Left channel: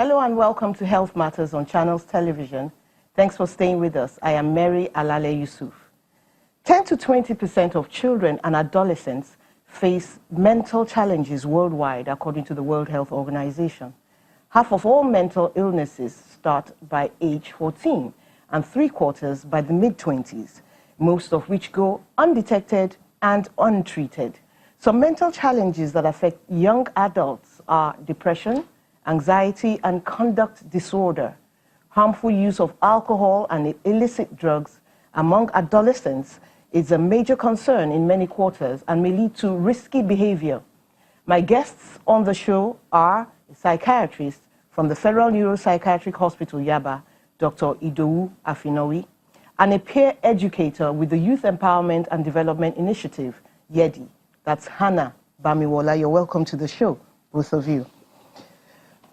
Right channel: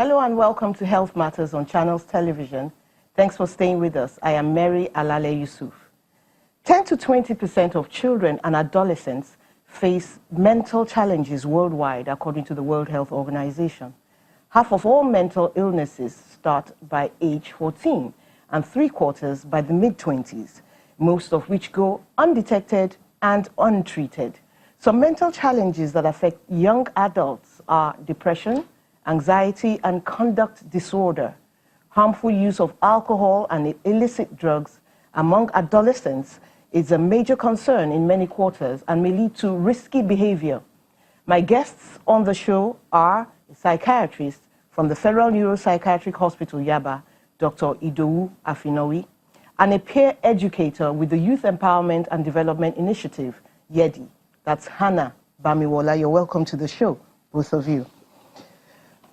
Hello and welcome to Health Matters on Channels Television. Thanks for staying with us. I am Mary Alale Yusuf. 10 to 20% of children and adolescents face mental challenges worldwide, according to the World Health Organization. Half of all mental illnesses start by age 14 and 3/4 by the mid-20s, most of which go undetected and untreated. Some mental challenges that affect young adults are depression, anxiety, and conduct disorder. Harmful use of alcohol and illicit drugs among adolescents is a major concern in many quarters and may lead to risky behavior. My guests on the show are a psychiatrist from the Federal Neuropsychiatric Hospital, Yaba, Dr. Idowu Afinowi, and a peer educator with the Youth Empowerment and Development Initiative, YEDI. That's Hannah Bamiwola. You're welcome to the show, both of you.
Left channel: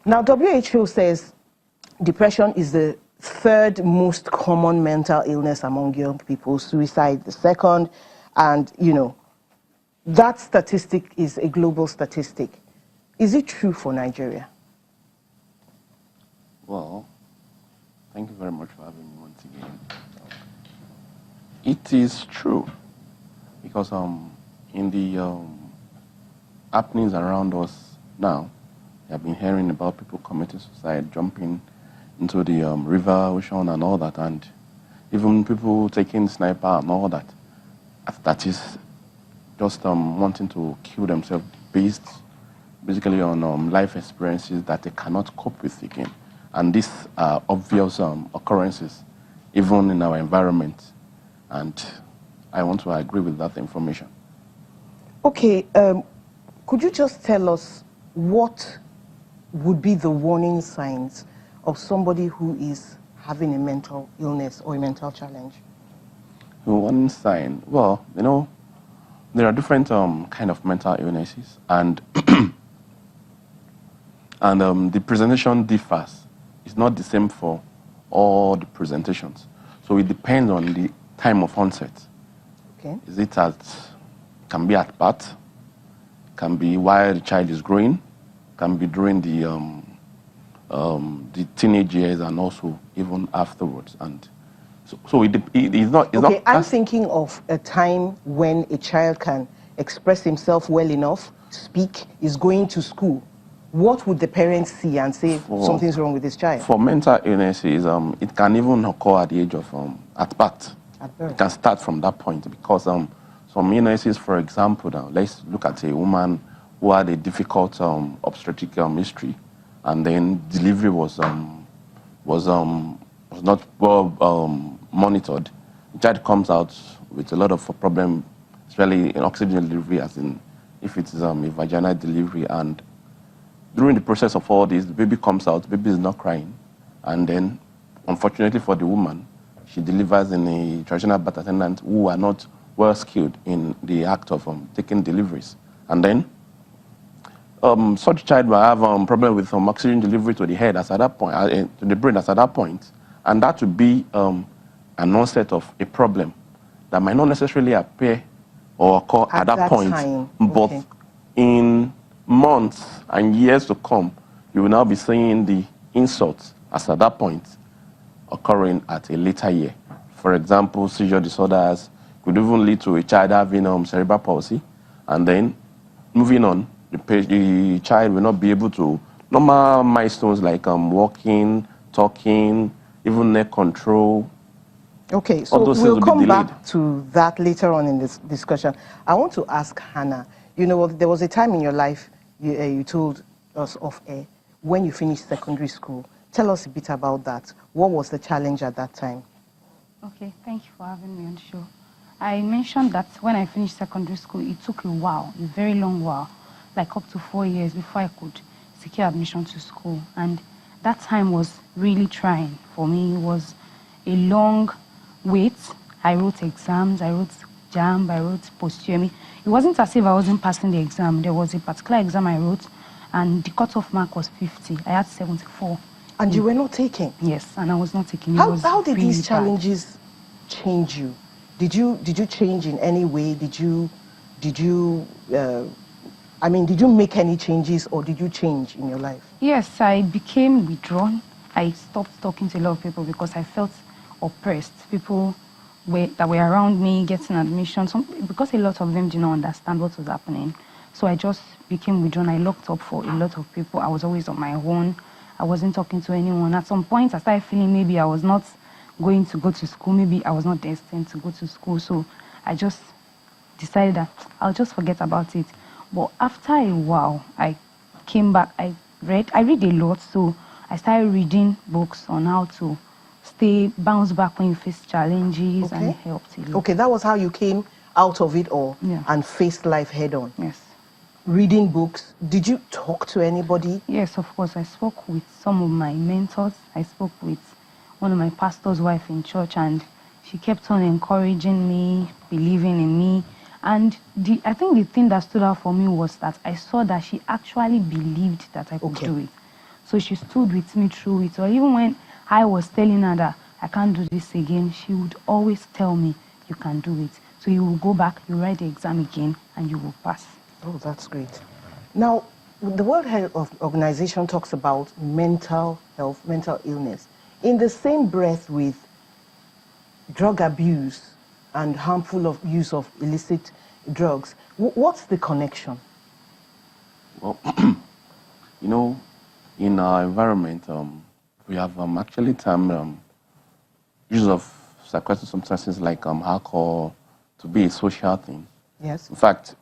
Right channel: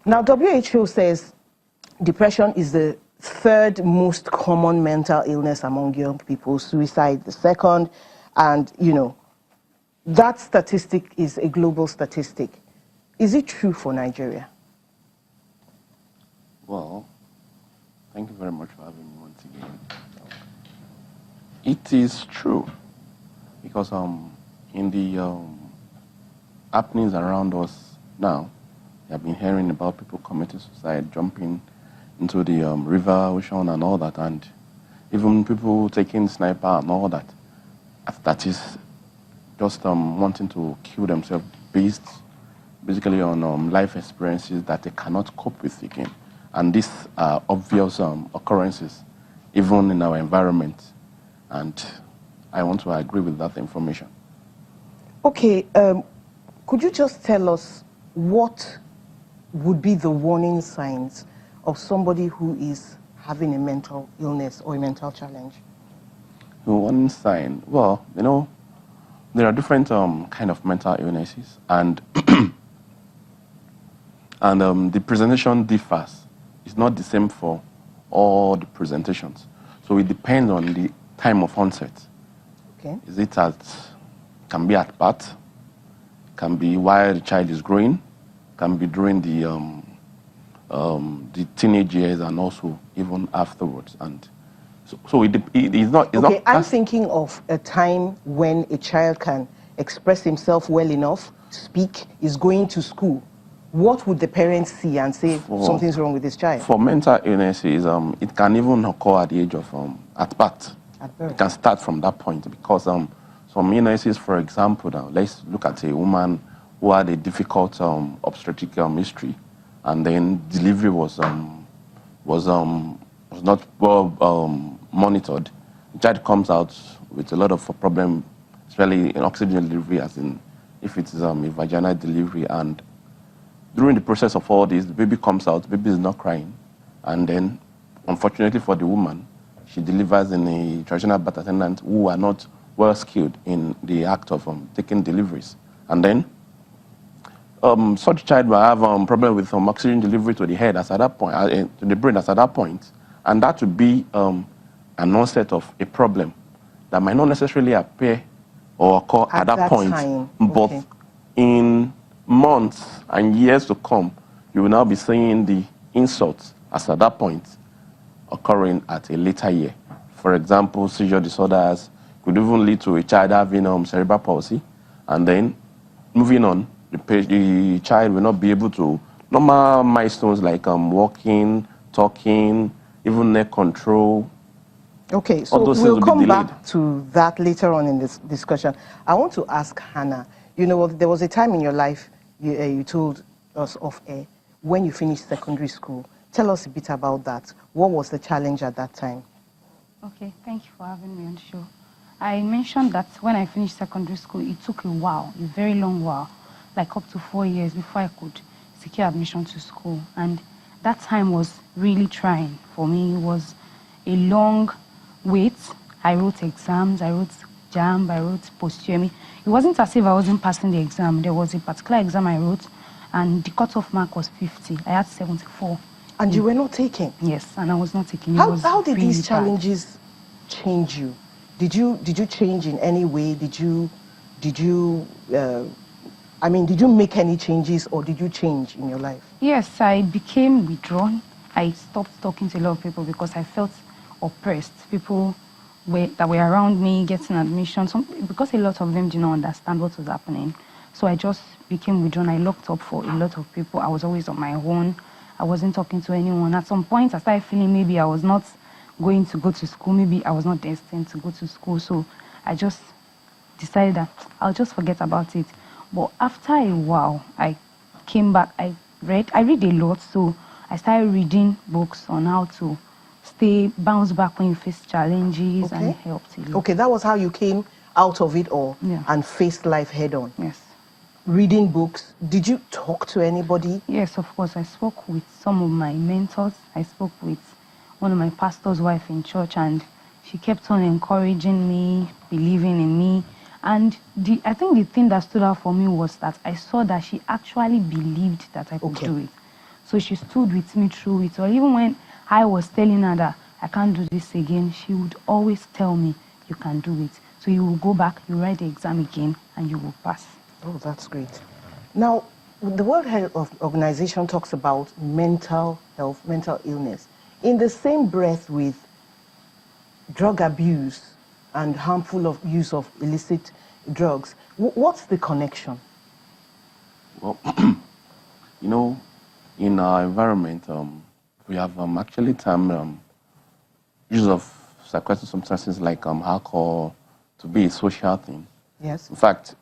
Now, WHO says depression is the third most common mental illness among young people, suicide the second, and, that statistic is a global statistic. Is it true for Nigeria? Well, thank you very much for having me once again. It is true, because in the happenings around us now, I've been hearing about people committing suicide, jumping into the river, ocean, and all that, and even people taking sniper and all that. That is just wanting to kill themselves based basically on life experiences that they cannot cope with again. And these are obvious occurrences, even in our environment. And I want to agree with that information. Okay, could you just tell us what would be the warning signs of somebody who is having a mental illness or a mental challenge? The warning sign, well, there are different kind of mental illnesses, and and the presentation differs. It's not the same for all the presentations. So it depends on the time of onset. Okay. Is it can be at birth, can be while the child is growing, can be during the teenage years, and also even afterwards. And so it's not. Okay, I'm thinking of a time when a child can express himself well enough, speak, is going to school. What would the parents see and say something's wrong with this child? For mental illnesses, it can even occur at the age of at birth. It can start from that point, because some illnesses, for example, now let's look at a woman who had a difficult obstetric history, and then delivery was not well monitored. The child comes out with a lot of problem, especially in oxygen delivery, as in if it is a vaginal delivery. And during the process of all this, the baby comes out, the baby is not crying, and then, unfortunately for the woman, she delivers in a traditional birth attendant who are not well skilled in the act of taking deliveries. And then such child will have problem with oxygen delivery to the head as at that point, to the brain as at that point, and that would be an onset of a problem that might not necessarily appear or occur at that point, but in months and years to come, you will now be seeing the insults as at that point occurring at a later year. For example, seizure disorders could even lead to a child having cerebral palsy, and then moving on, the child will not be able to normal milestones like walking, talking, even neck control. Okay, so we'll come back to that later on in this discussion. I want to ask Hannah, there was a time in your life you told us off air when you finished secondary school. Tell us a bit about that. What was the challenge at that time? Okay, thank you for having me on the show. I mentioned that when I finished secondary school, it took a while, a very long while, like up to 4 years before I could secure admission to school. And that time was really trying for me. It was a long wait. I wrote exams, I wrote JAMB, I wrote post-UME. It wasn't as if I wasn't passing the exam. There was a particular exam I wrote, and the cutoff mark was 50. I had 74. And you were not taking? Yes, and I was not taking. How did these challenges change you? Did you change in any way? Did you I mean, did you make any changes or did you change in your life? Yes, I became withdrawn. I stopped talking to a lot of people because I felt oppressed. People that were around me getting admission, because a lot of them did not understand what was happening. So I just became withdrawn. I locked up for a lot of people. I was always on my own. I wasn't talking to anyone. At some point, I started feeling maybe I was not going to go to school. Maybe I was not destined to go to school. So I just decided that I'll just forget about it. But after a while, I came back. I read a lot. So I started reading books on how to bounce back when you face challenges, and it helped a lot. Okay, that was how you came out of it all and faced life head on. Yes. Reading books. Did you talk to anybody? Yes, of course. I spoke with some of my mentors. I spoke with one of my pastor's wife in church, and she kept on encouraging me, believing in me. And I think the thing that stood out for me was that I saw that she actually believed that I could do it. So she stood with me through it. Or even when I was telling her that I can't do this again, she would always tell me, you can do it. So you will go back, you write the exam again, and you will pass. Oh, that's great. Now, the World Health Organization talks about mental health, mental illness, in the same breath with drug abuse and harmful use of illicit drugs. What's the connection? Well, in our environment, we have actually termed use of psychoactive substances like alcohol to be a social thing. Yes. In fact,